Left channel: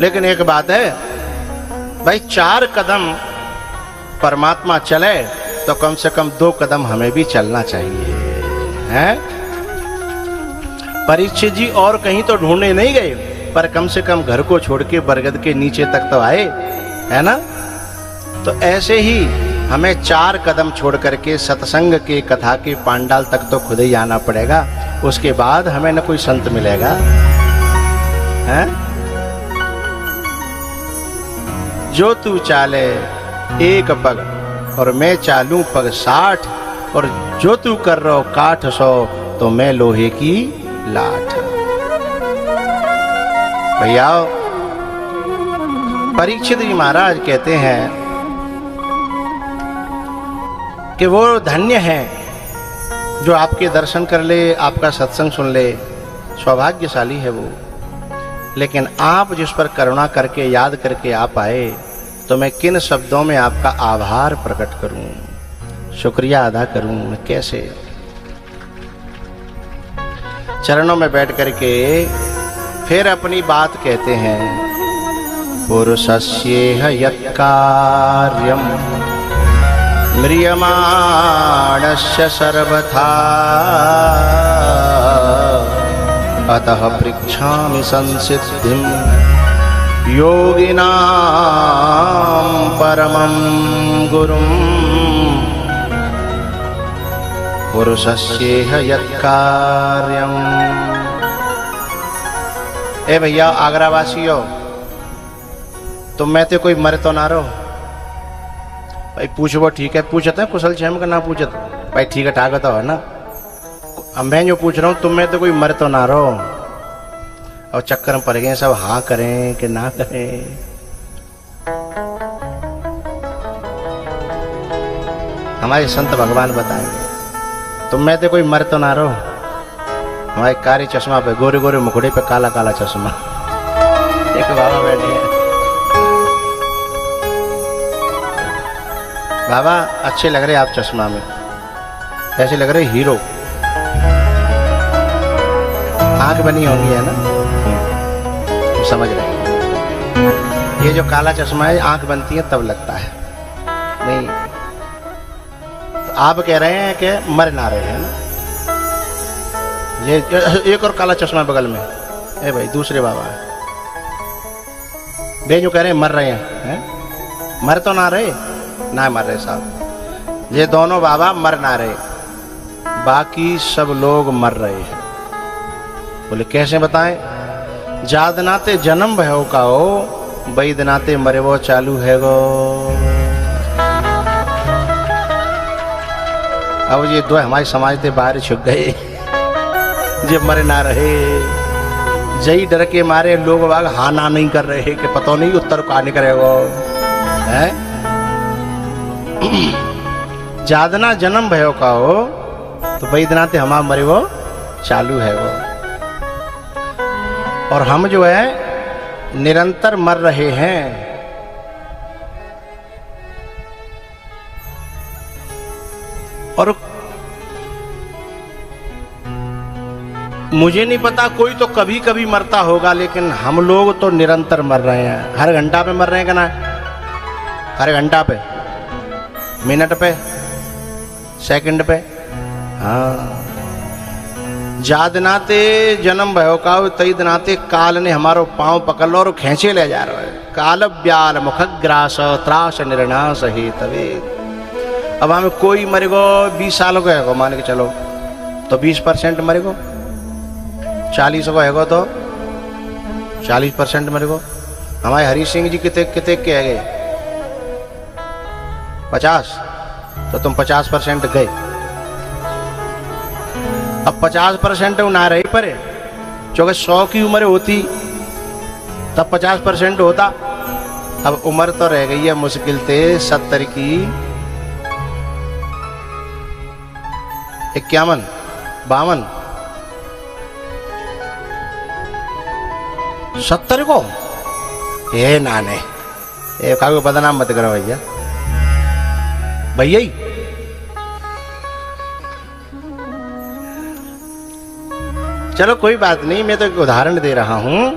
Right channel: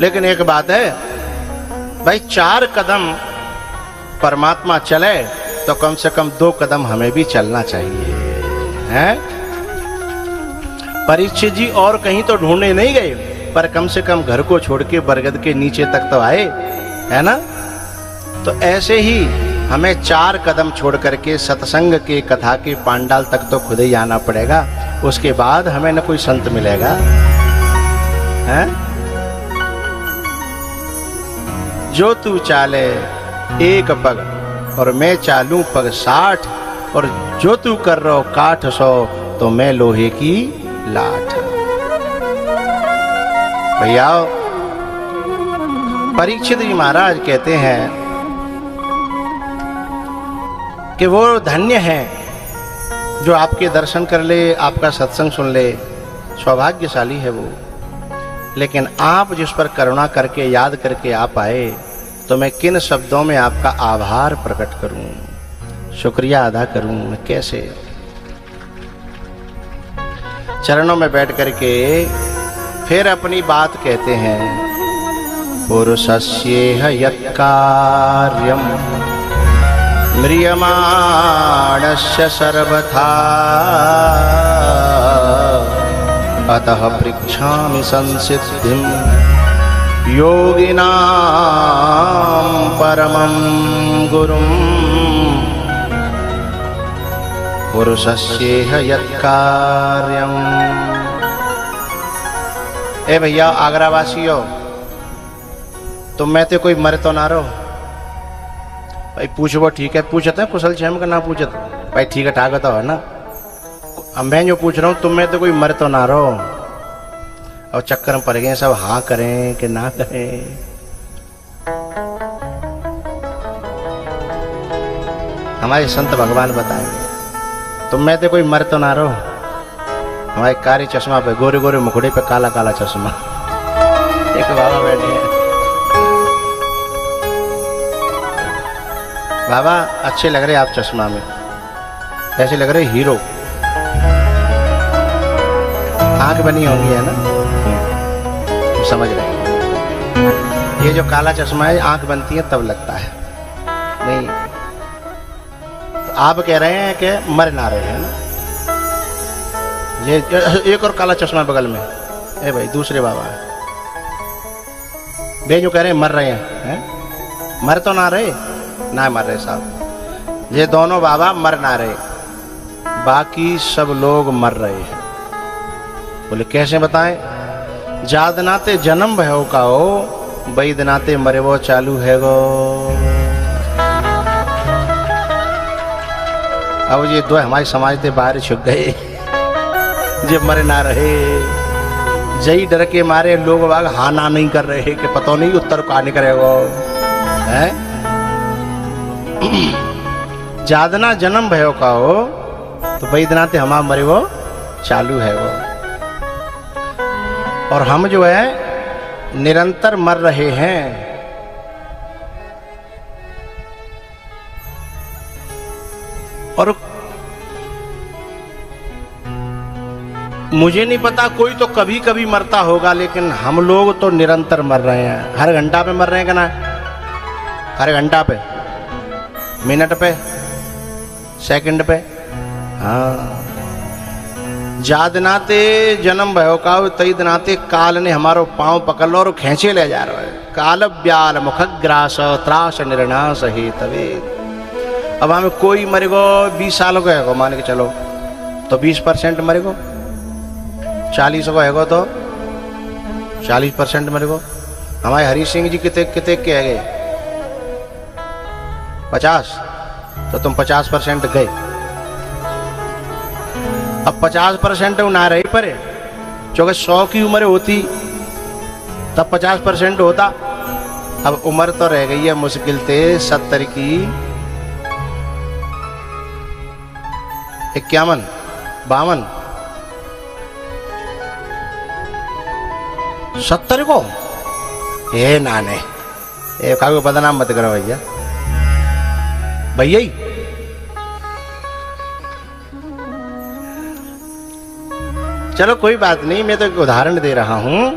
लेकिन एक बात है भाई, 4 कदम परमात्मा चले तो कम से कम 2 कदम हमें भी चलना चाहिए, है? परीक्षित जी और कहीं तो ढूंढने नहीं गए, पर कम से कम घर को छोड़ के बरगद के नीचे तक तो आए, है ना? तो ऐसे ही हमें 4 कदम छोड़ करके सत्संग के, कथा के पांडाल तक तो खुद ही आना पड़ेगा। उसके बाद हमें न कोई संत मिलेगा, है? जो तू चाले 1 पग और मैं चालूं पग 60, और जो तू कर रहो काठ 100 तो मैं लोहे की लाठ। भैया परीक्षित जी महाराज कहते हैं कि वो धन्य है जो आपके दर्शन कर ले, आपका सत्संग सुन ले, सौभाग्यशाली है वो। लेकिन आप जिस पर करुणा करके, याद करके आप आए, तो मैं किन शब्दों में आपका आभार प्रकट करूं, शुक्रिया अदा करूं, मैं कैसे? चरणों में बैठ करके फिर अपनी बात कहते हैं। पुरुषस्येह यत्कार्यम् म्रियमाणस्य सर्वथा अतः पृच्छामि संसिद्धिं योगिनां परमं गुरुं। पुरुषस्येह यत्कार्यम्। ए भैया आगरा वासियों, तो मैं तो कोई मर तो ना रहो भाई। पूछो ठीक है, पूछते हैं कुशल क्षेम का, ना पूछत भाई ठीक है, टागत है ना। अम्भे जो पूछ रहा हूँ, तुम में तो कोई मर तो ना रहो। और चक्कर में पड़ गए सब, हाँ करें कि ना करें। हमारे संत भगवान बताएंगे, तुम में तो कोई मर तो ना रहो। हमारे कारी चश्मा पे, गोरे गोरे मुखड़े पे काला काला चश्मा, एक बाबा बैठे हैं। बाबा अच्छे लग रहे आप चश्मा में, कैसे लग रहे? हीरो। आंख बनी होगी है ना, तो समझ रहा। ये जो काला चश्मा है, आंख बनती है तब लगता है, नहीं? तो आप कह रहे हैं कि मर ना रहे, है ना? ये एक और काला चश्मा बगल में, ए भाई दूसरे बाबा दे, जो कह रहे हैं मर रहे हैं, मर तो ना रहे, ना मर रहे साहब। ये दोनों बाबा मर ना रहे, बाकी सब लोग मर रहे हैं। बोले कैसे बताएं? जादनाते जन्म भयो का हो, बैदनाते मरे वो चालू है वो। अब ये दो हमारे समाज के बाहर छुप गए, जो मर ना रहे। जई डर के मारे लोग बाग हाँ ना नहीं कर रहे कि पता नहीं उत्तर का निकलेगा, है? जादना जन्म भयो का हो तो बैदनाते हमारा मरे वो चालू है वो। और हम जो है निरंतर मर रहे हैं। और मुझे नहीं पता, कोई तो कभी कभी मरता होगा, लेकिन हम लोग तो निरंतर मर रहे हैं। हर घंटा पे मर रहे हैं कि ना? हर घंटा पे, मिनट पे, सेकंड पे। हाँ, जादनाते जन्म भयो का तई दनाते काल ने हमारो पांव पकड़ लो और खींचे ले जा रहा। काल ब्याल मुखग्रास त्रास निर्नाश हेतवे। अब हमें कोई मरेगो 20 साल का है मान के चलो, तो 20% मरेगो। 40 का है तो 40% मरेगो। हमारे हरि सिंह जी कितने कितने के है? 50, तो तुम 50% गए। अब 50% ना रही परे, क्योंकि 100 की उम्र होती तब 50% होता। अब उम्र तो रह गई है मुश्किल से 70 की, 51, 52, 70 को ये नाने ये कागो बदनाम मत करो भैया। भैया ही चलो कोई बात नहीं, मैं तो एक उदाहरण दे रहा हूं।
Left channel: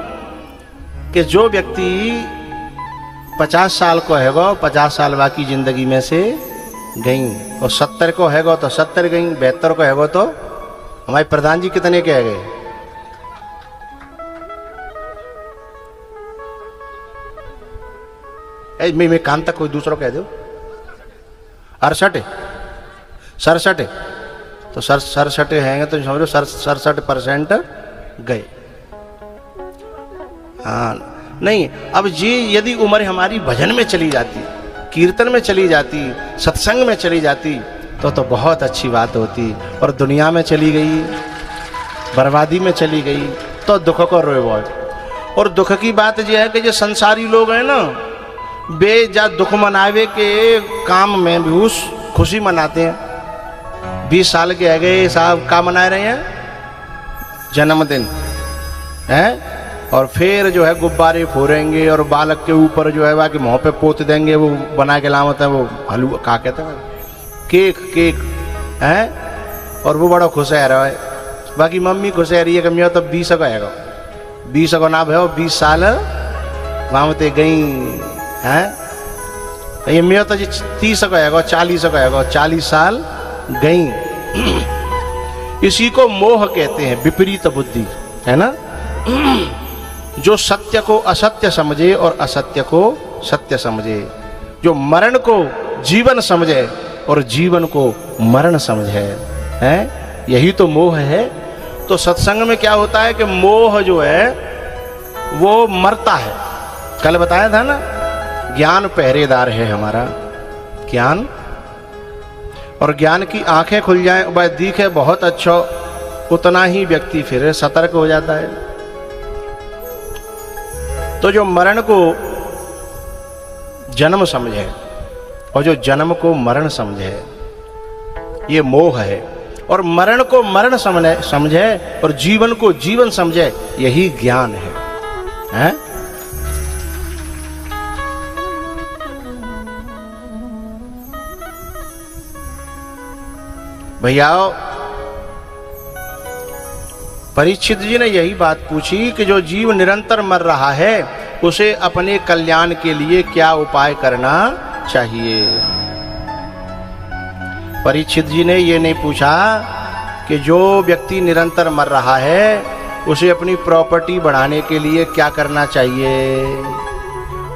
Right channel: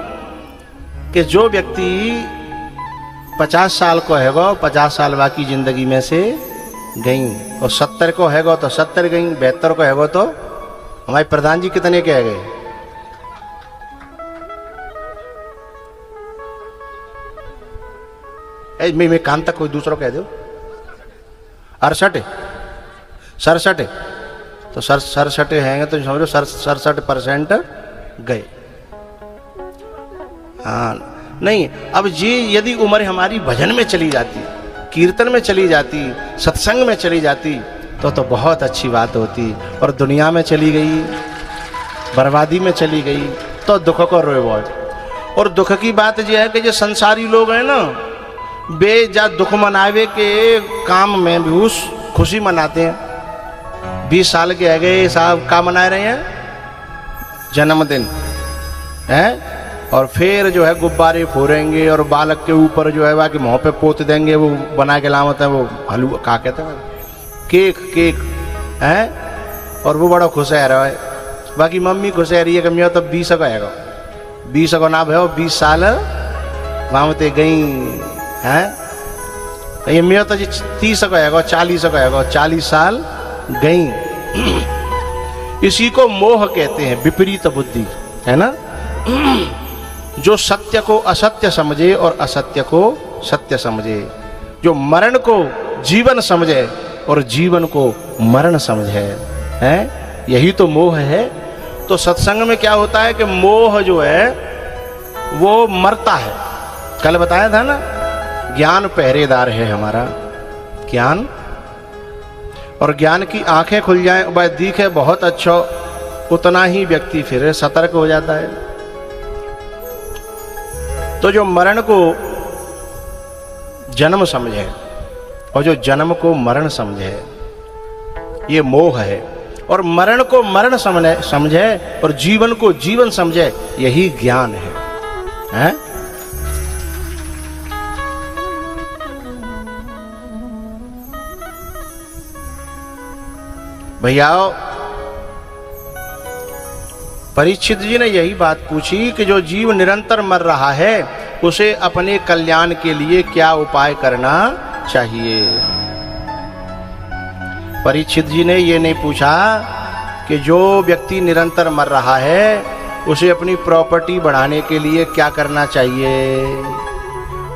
कि जो व्यक्ति 50 साल को है वो 50 साल बाकी जिंदगी में से गई, और 70 को हैगो तो 70 गई, 72 को हैगो तो हमारे प्रधान जी कितने के है गए? मैं कान तक कोई दूसरा कह दो 68 67 तो 67 है तो समझो 67% गए। हाँ नहीं, अब जी यदि उम्र हमारी भजन में चली जाती, कीर्तन में चली जाती, सत्संग में चली जाती तो बहुत अच्छी बात होती, और दुनिया में चली गई, बर्बादी में चली गई तो दुख को रोए। और दुख की बात यह है कि जो संसारी लोग हैं ना, वे जा दुख मनावे के काम में भी उस खुशी मनाते हैं। 20 साल के आगे साहब का मना रहे हैं? जन्मदिन है, और फिर जो है गुब्बारे फोड़ेंगे और बालक के ऊपर जो है कि मुंह पे पोत देंगे, वो बना के लामत है, वो हलवा क्या कहते हैं, केक है, और वो बड़ा खुश है रहा है। बाकी मम्मी खुश है रही है कि मैं तब 20 का है, 20 का नाम है, 20 साल वहां ते गई है, ये मैं तो 30 का है, 40 का है, 40 साल गई। इसी को मोह कहते हैं, विपरीत बुद्धि, है ना। जो सत्य को असत्य समझे और असत्य को सत्य समझे, जो मरण को जीवन समझे और जीवन को मरण समझे, है, यही तो मोह है। तो सत्संग में क्या होता है कि मोह जो है वो मरता है। कल बताया था ना, ज्ञान पहरेदार है हमारा, ज्ञान, और ज्ञान की आंखें खुल जाए, वह दिखे बहुत अच्छा, उतना ही व्यक्ति फिर सतर्क हो जाता है। तो जो मरण को जन्म समझे और जो जन्म को मरण समझे, ये मोह है। और मरण को मरण समझे और जीवन को जीवन समझे, यही ज्ञान है? भैया परीक्षित जी ने यही बात पूछी कि जो जीव निरंतर मर रहा है उसे अपने कल्याण के लिए क्या उपाय करना चाहिए। परीक्षित जी ने ये नहीं पूछा कि जो व्यक्ति निरंतर मर रहा है उसे अपनी प्रॉपर्टी बढ़ाने के लिए क्या करना चाहिए,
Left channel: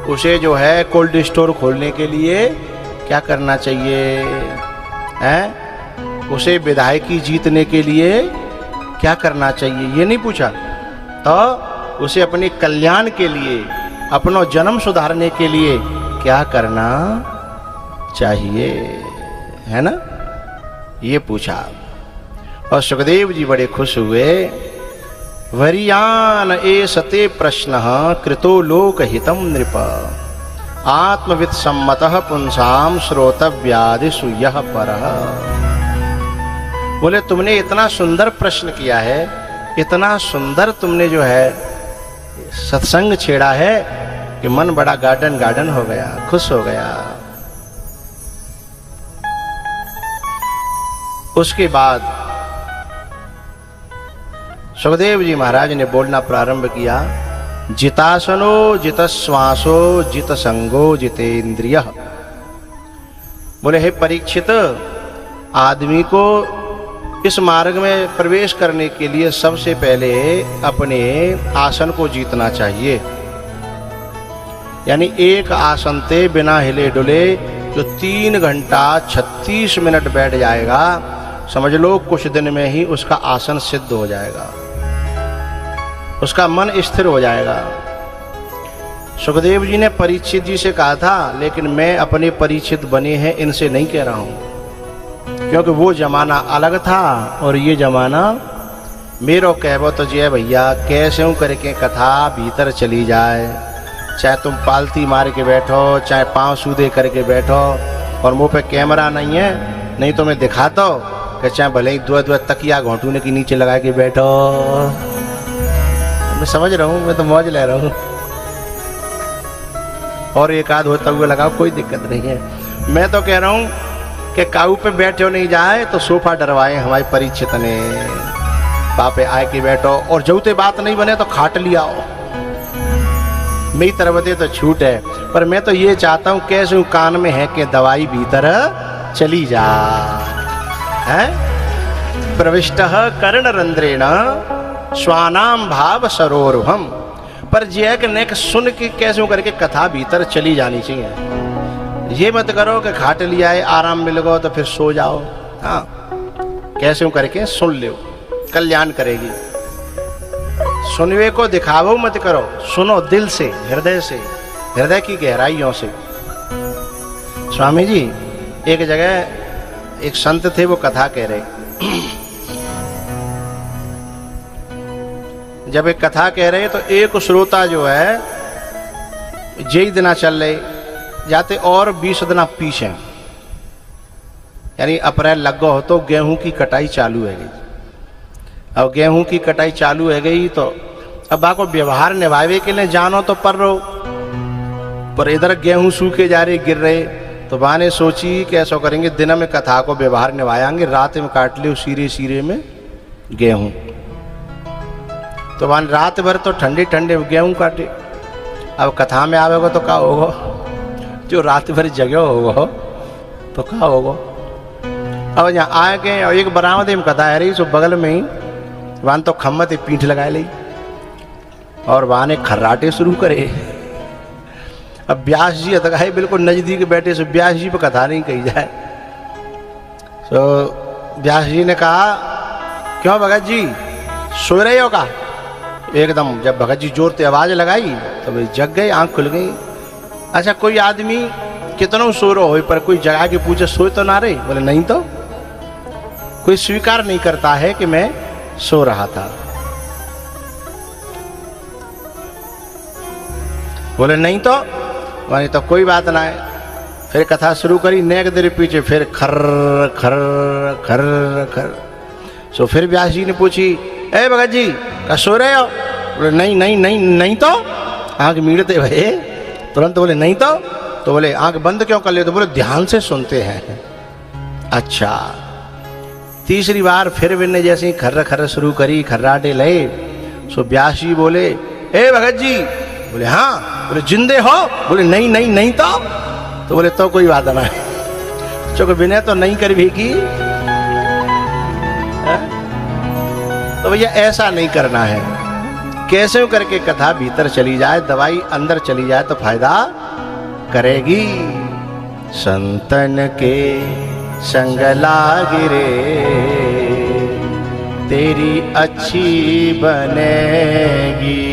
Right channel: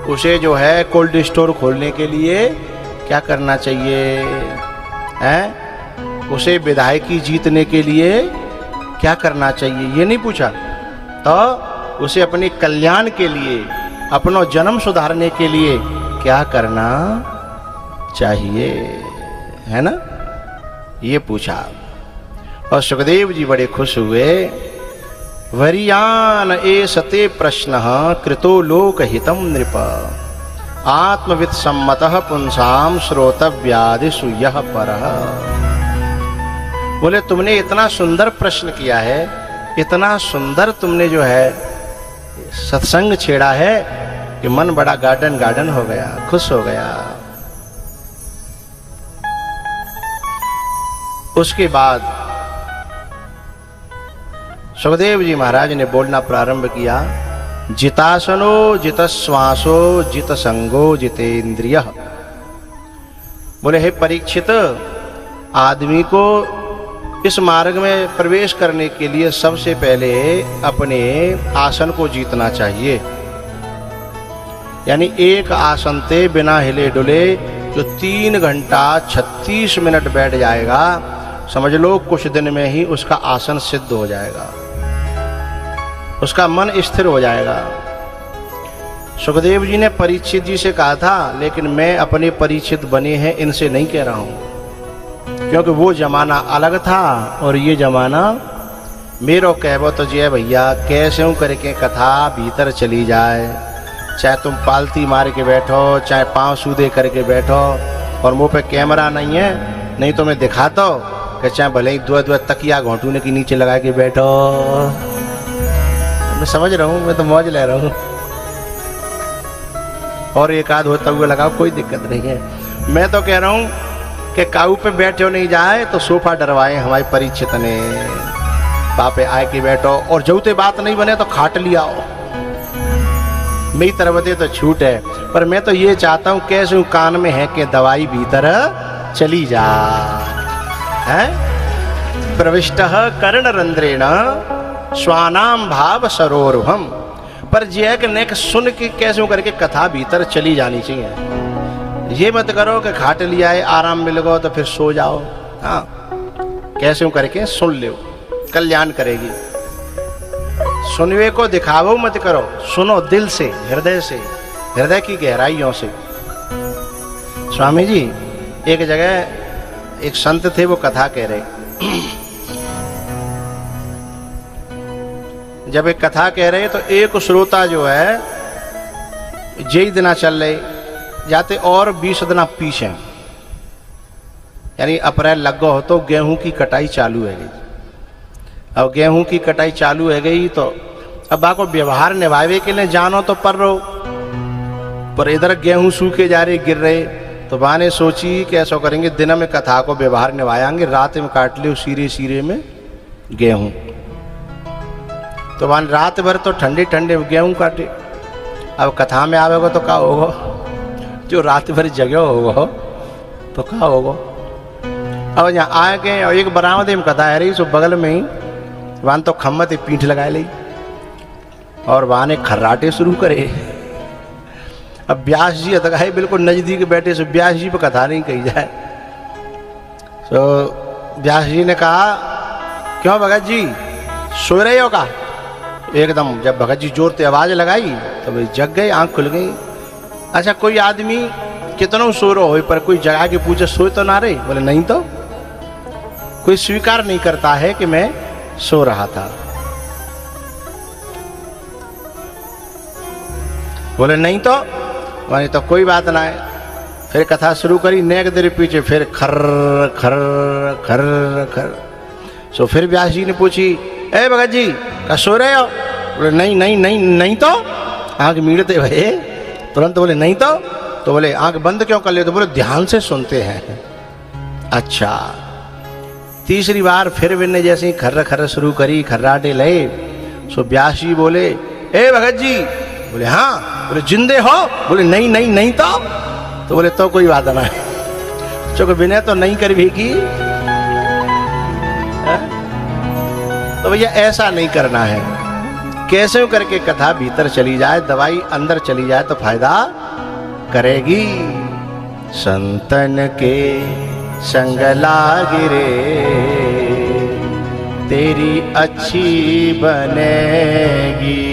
उसे जो है कोल्ड स्टोर खोलने के लिए क्या करना चाहिए, है? उसे विधायकी जीतने के लिए क्या करना चाहिए, ये नहीं पूछा। तो उसे अपने कल्याण के लिए, अपना जन्म सुधारने के लिए क्या करना चाहिए, है ना, ये पूछा। और सुखदेव जी बड़े खुश हुए। वरियान एसते प्रश्न कृतो लोक हितम नृप आत्मविद सम्मतः पुंसाम श्रोतव्यादिषु यः परः। बोले तुमने इतना सुंदर प्रश्न किया है, इतना सुंदर तुमने जो है सत्संग छेड़ा है कि मन बड़ा गार्डन हो गया, खुश हो गया। उसके बाद सुखदेव जी महाराज ने बोलना प्रारंभ किया। जितासनो जितश्वासो जित संगो जितेंद्रिय। बोले हे परीक्षित, आदमी को इस मार्ग में प्रवेश करने के लिए सबसे पहले अपने आसन को जीतना चाहिए। यानी एक आसन पे बिना हिले डुले जो 3 घंटा 36 मिनट बैठ जाएगा, समझ लो कुछ दिन में ही उसका आसन सिद्ध हो जाएगा, उसका मन स्थिर हो जाएगा। सुखदेव जी ने परीक्षित जी से कहा था, लेकिन मैं अपने परीक्षित बने हैं इनसे नहीं कह रहा हूं, क्योंकि वो जमाना अलग था और ये जमाना मेरो कहवा तो जी है भैया, कैसे करके कथा भीतर चली जाए, चाहे तुम पालती मार के बैठो, चाहे पांव सूदे करके बैठो, और मुंह पे कैमरा नहीं है, नहीं तो मैं दिखाता हूँ कि चाहे भले ही 2 तकिया घोंटूने के नीचे लगा के बैठो। मैं समझ रहा हूँ, मैं तो मौज ले रहा हूँ, और एक आध होता हुआ लगाओ, कोई दिक्कत नहीं है। मैं तो कह रहा हूँ कि काऊ पे बैठो नहीं जाए तो सोफा डरवाए हमारी परीक्षित ने, पापे आए के बैठो, और जौते बात नहीं बने तो खाट लिया हो, मेरी तरफ दे तो छूट है, पर मैं तो ये चाहता हूँ कैसे कान में है कि दवाई भीतर चली जाए है। प्रविष्ट कर्ण रंध्रेण स्वानाम भाव सरोरुहम, पर जैक नेक सुन के कैसे करके कथा भीतर चली जानी चाहिए। ये मत करो कि खाट लिया है आराम मिल गो तो फिर सो जाओ। हाँ, कैसे करके सुन लो, कल्याण करेगी। सुनवे को दिखावो मत करो, सुनो दिल से, हृदय से, हृदय की गहराइयों से। स्वामी जी एक जगह एक संत थे, वो कथा कह रहे। जब एक कथा कह रहे तो एक श्रोता जो है जय दिना चल रहे जाते और 20 दिना पीछे, यानी अप्रैल लग गो हो तो गेहूं की कटाई चालू है। अब गेहूं की कटाई चालू है गई तो अब आपको व्यवहार निभावे के लिए जानो तो पर इधर गेहूं सूखे जा रहे, गिर रहे, तो बाने सोची कैसा करेंगे, दिन में कथा को व्यवहार निभाएंगे, रात में काट लियो सीरे सीरे में गेहूं। तो वहां रात भर तो ठंडे ठंडे गेहूं काटे। अब कथा में आवेगा तो क्या होगा, जो रात भर जगह होगा तो क्या होगा। और यहाँ आए के एक बरामदे में कथा है रही, सो बगल में ही वहां तो खम्मत पीठ लगाए ली और वहां ने खर्राटे शुरू करे। अब व्यास जी अतगाए बिल्कुल नजदीक बैठे, से व्यास जी पर कथा नहीं कही जाए। तो व्यास जी ने कहा, क्यों भगत जी सो रहे हो का? एकदम जब भगत जी जोर से आवाज लगाई तो वे जग गए, आंख खुल गई। अच्छा कोई आदमी कितना सो रहा हो पर कोई जगा के पूछे सोए तो ना रहे? बोले नहीं तो। कोई स्वीकार नहीं करता है कि मैं सो रहा था। बोले नहीं तो, बोले तो कोई बात ना है। फिर कथा शुरू करी, नेक देर पीछे फिर खर खर खर खर। सो फिर व्यास जी ने पूछी, ए भगत जी क्या सो रहे हो? बोले नहीं नहीं नहीं नहीं तो। आंख मीड़ते भये तुरंत बोले नहीं तो बोले आंख बंद क्यों कर ले? तो बोले ध्यान से सुनते हैं। अच्छा, तीसरी बार फिर मैंने जैसे खर्र खर्र शुरू करी, खर्राटे ले। सो व्यास जी बोले, ए भगत जी? बोले हाँ। बोले जिंदे हो? बोले नहीं नहीं नहीं तो बोले तो कोई बात ना है, चूंकि विनय तो नहीं कर भी की। तो भैया ऐसा नहीं करना है, कैसे करके कथा भीतर चली जाए, दवाई अंदर चली जाए तो फायदा करेगी। संतन के संग लागी रे तेरी अच्छी बनेगी।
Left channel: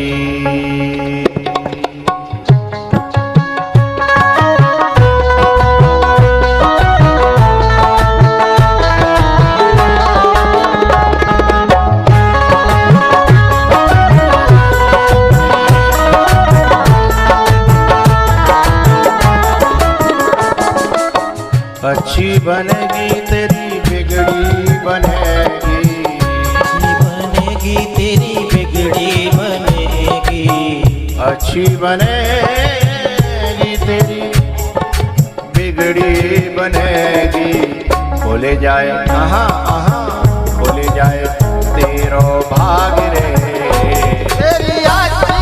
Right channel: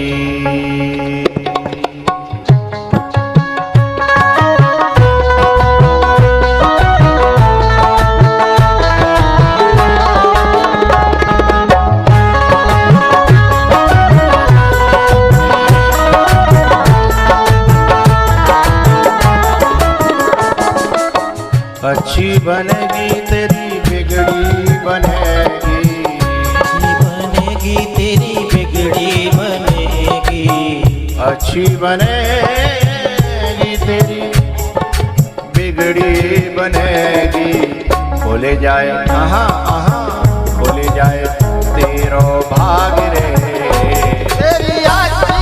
अच्छी बनेगी तेरी बिगड़ी बनेगी, तेरी बिगड़ी बनेगी, अच्छी बनेगी तेरी बिगड़ी बनेगी। बोले जाए कहाँ बोले जाए तेरो भाग रे तेरी अच्छी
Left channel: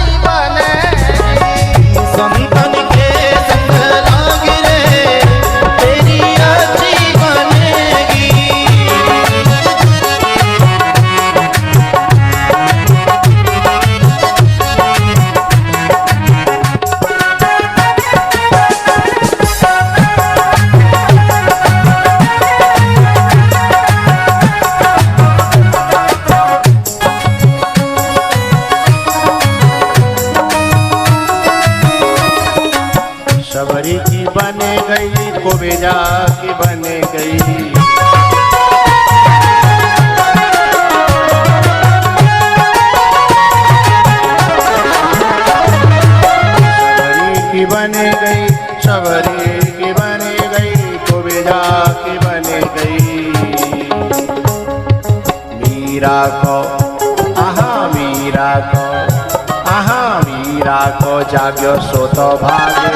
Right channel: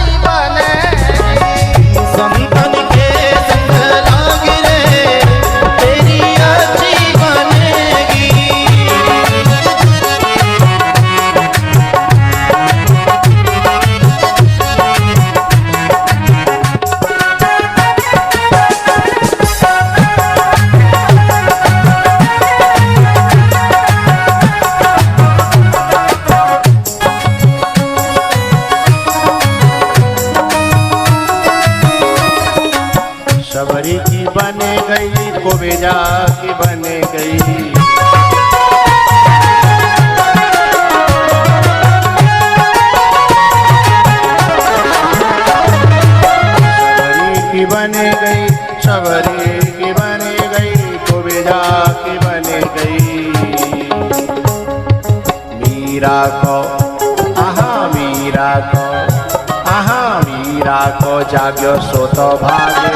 जाग्यो सो तो भागे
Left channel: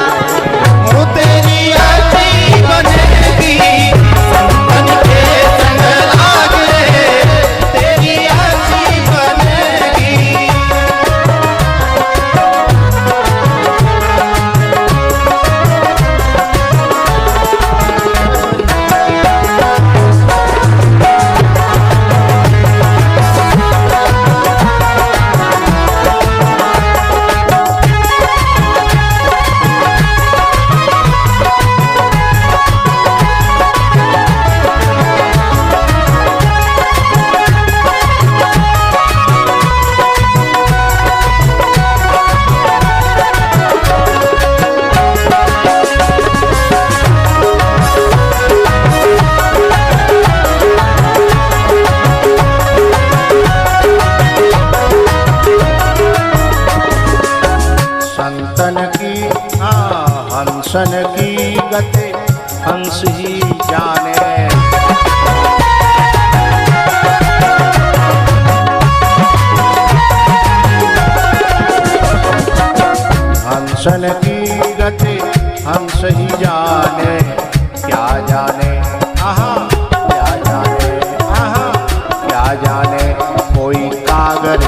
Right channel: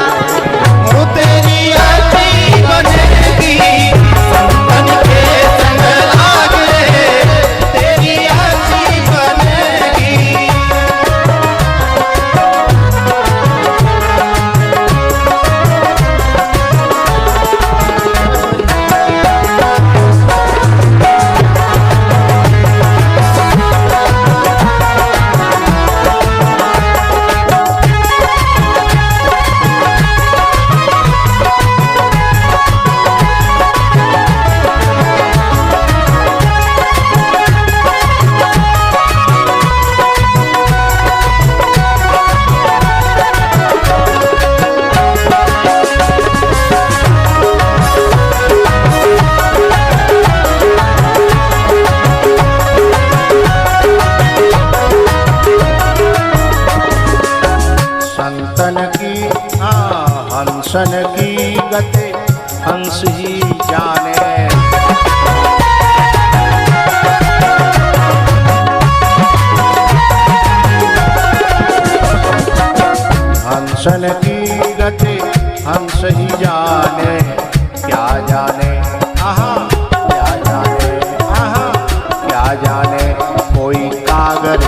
तेरी अच्छी बनेगी, संतन के संग लाग रे तेरी अच्छी बनेगी। हंसन की गति हंस ही जाने। हंसन की गति हंस ही जाने, क्या जाने क्या जाने क्या जाने कोई कागर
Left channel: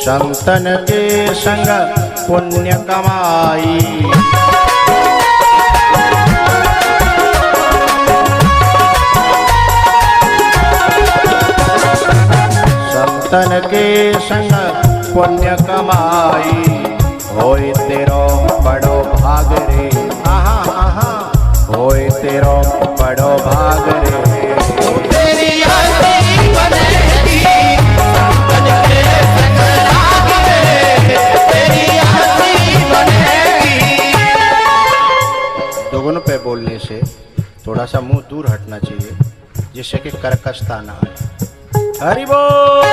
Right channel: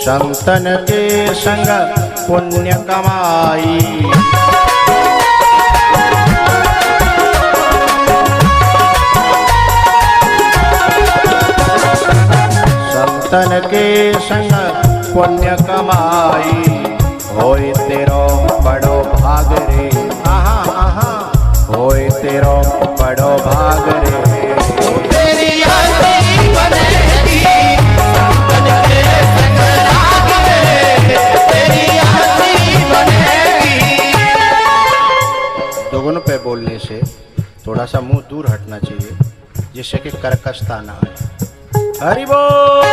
संतन के संग पुण्य कमाई। संतन के संग पुण्य कमाई, होए तेरो बड़ो भाग रे, होए तेरो बड़ो भाग रे। दोनों पे बोलने से थोड़ा सा मुंह दूर हटना चाहिए, जिससे कि कर्कशता ना आए। हरि बोल।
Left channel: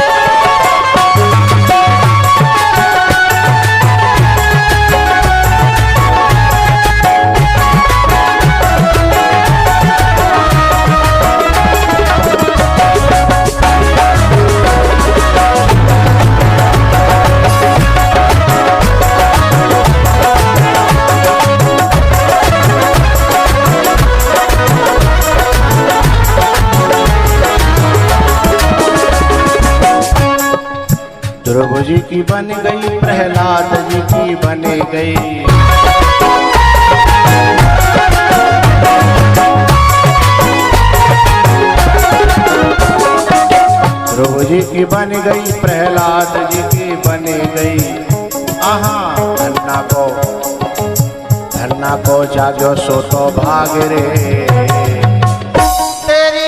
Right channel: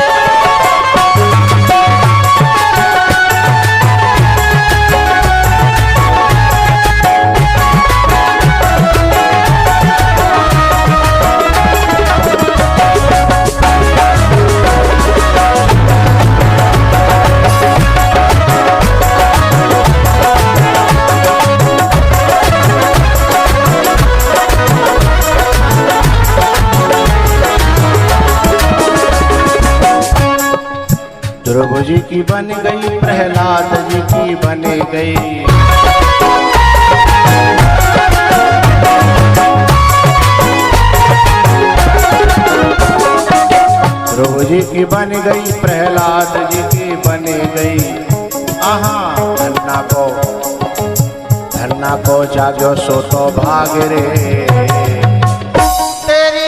प्रभु जी की बन गई, प्रहलाद जी की बन गई। प्रभु जी की बन गई, प्रहलाद जी की बन गई। धन्ना को जागो सो तो भाग रे, तेरी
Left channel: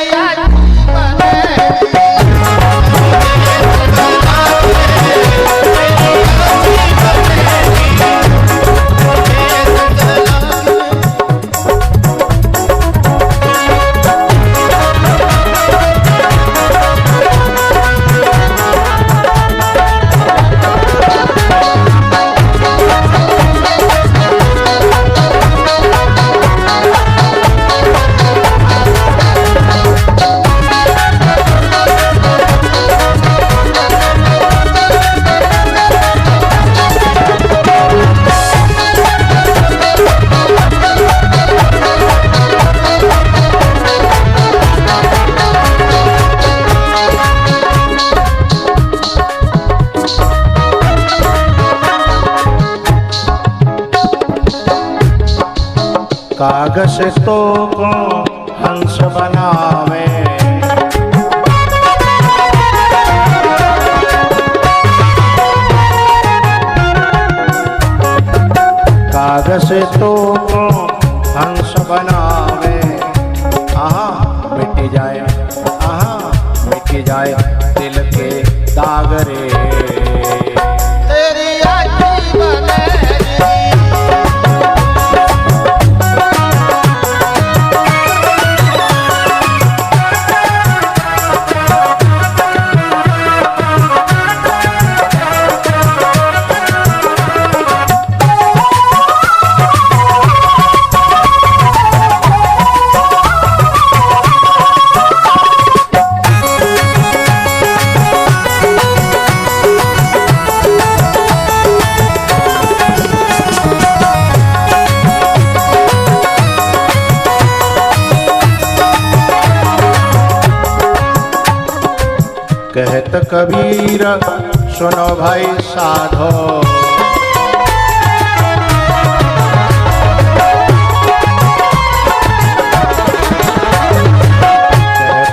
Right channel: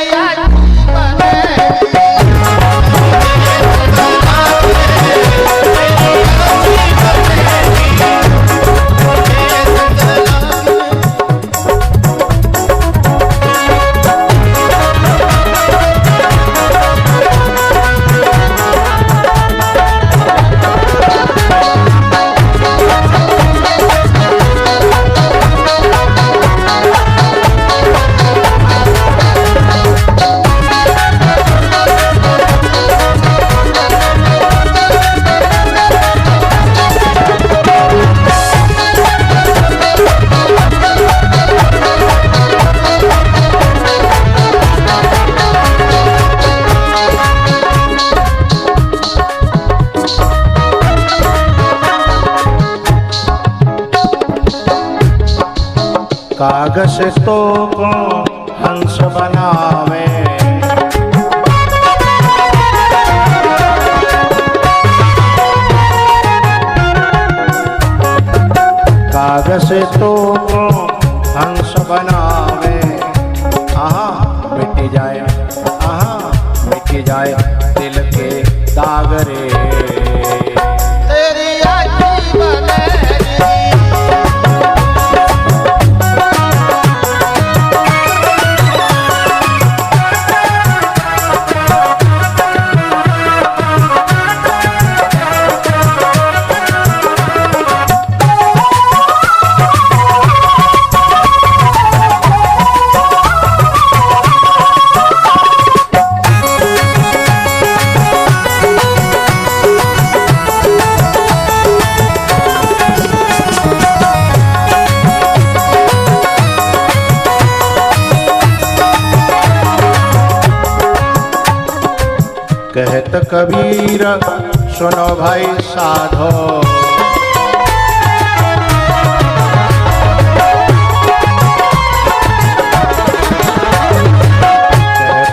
कागज को हंस बनावे, कागज तो हंस बनावे। मिट जाए मिट जाए दिल के दाग रे,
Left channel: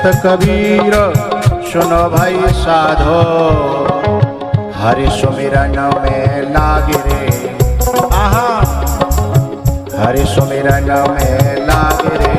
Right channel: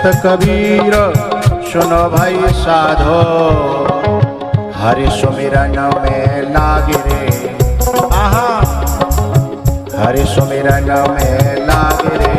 कबीर सुनो भाई साधो, हरि सुमिरन में लागे रे, आहा हरि सुमिरन में लागे रे।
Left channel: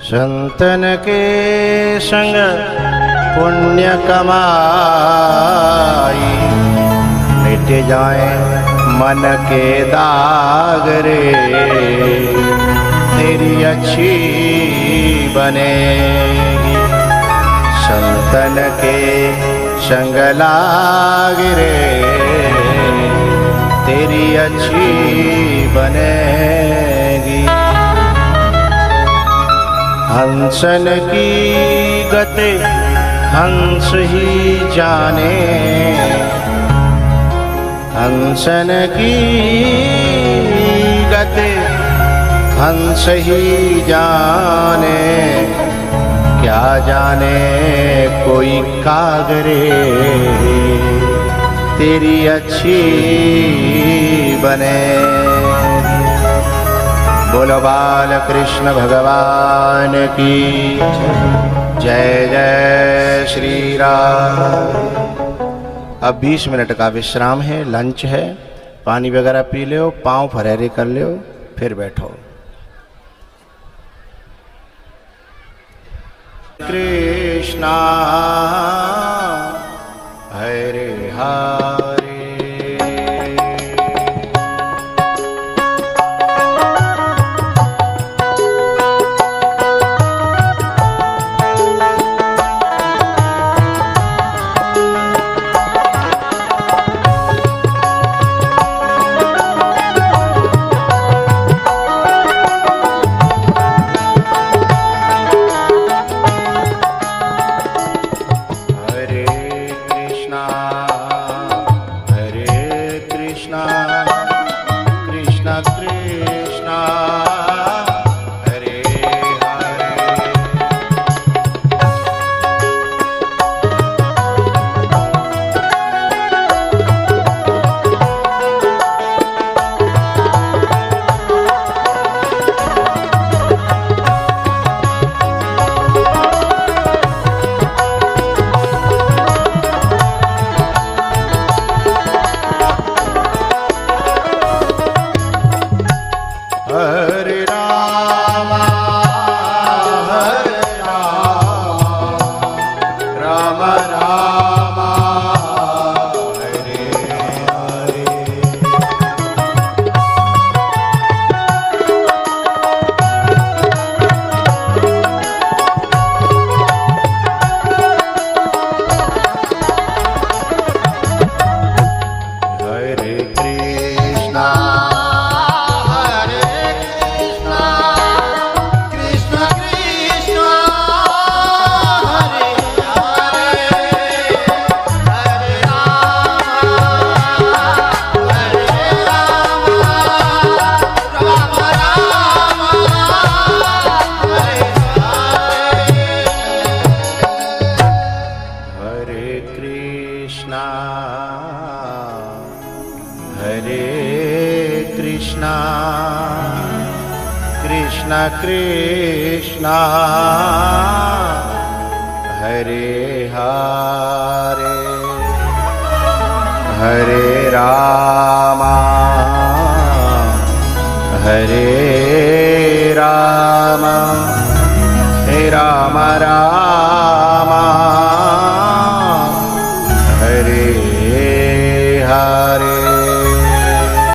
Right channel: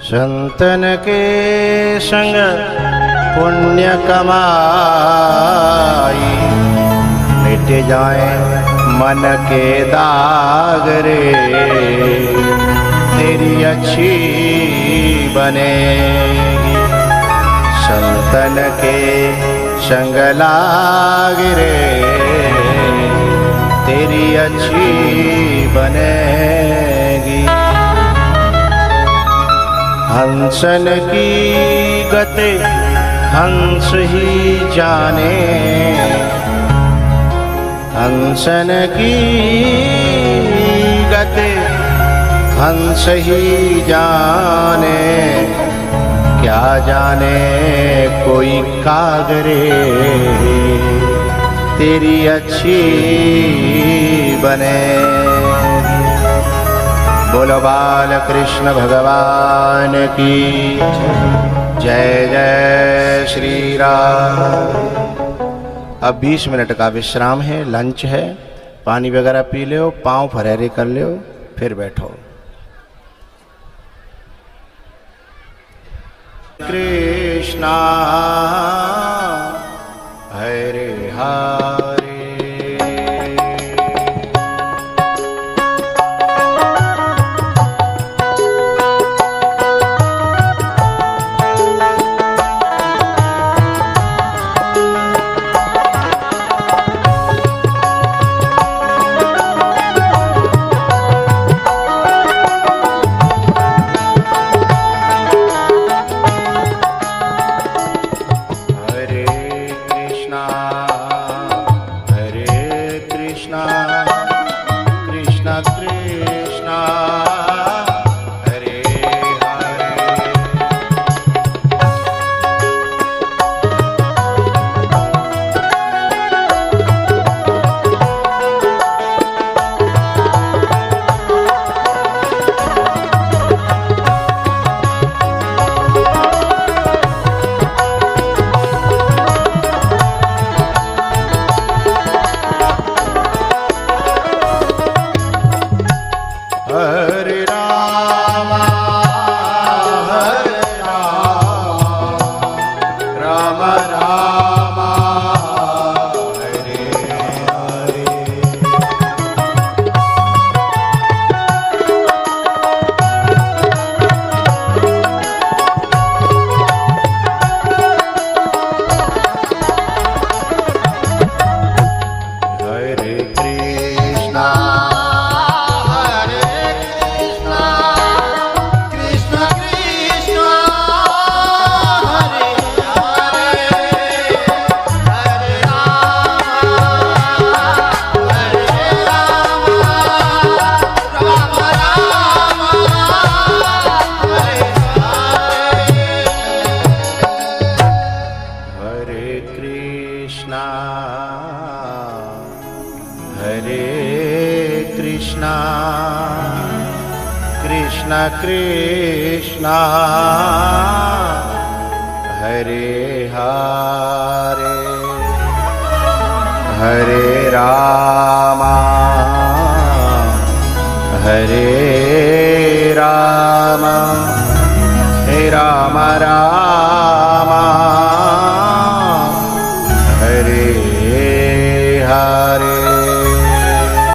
संतन के संग पुण्य कमाई, मिट जाए मन के दाग रे, तेरी अच्छी बने। संतन के संग लाग रे, तेरी अच्छी बनेगी। हंसन की गते हंस ही जाने, हंसन की गते हंस ही जाने, क्या जाने कोई कागरे, तेरी अच्छी बने। बोलो बाल कृष्ण भगवान की जय जय श्री राम। अब 20 मिनट का विश्राम है, लंच है, पानी वगैरह पी लो, पाँव फरहरे कर लो, फिर बैठो। कृष्णा हरे हरे, कृष्णा हरे हरे। हरे राम राम हरे हरे। हरे कृष्णा कृष्ण कृष्ण हरे हरे, हरे राम हरे राम।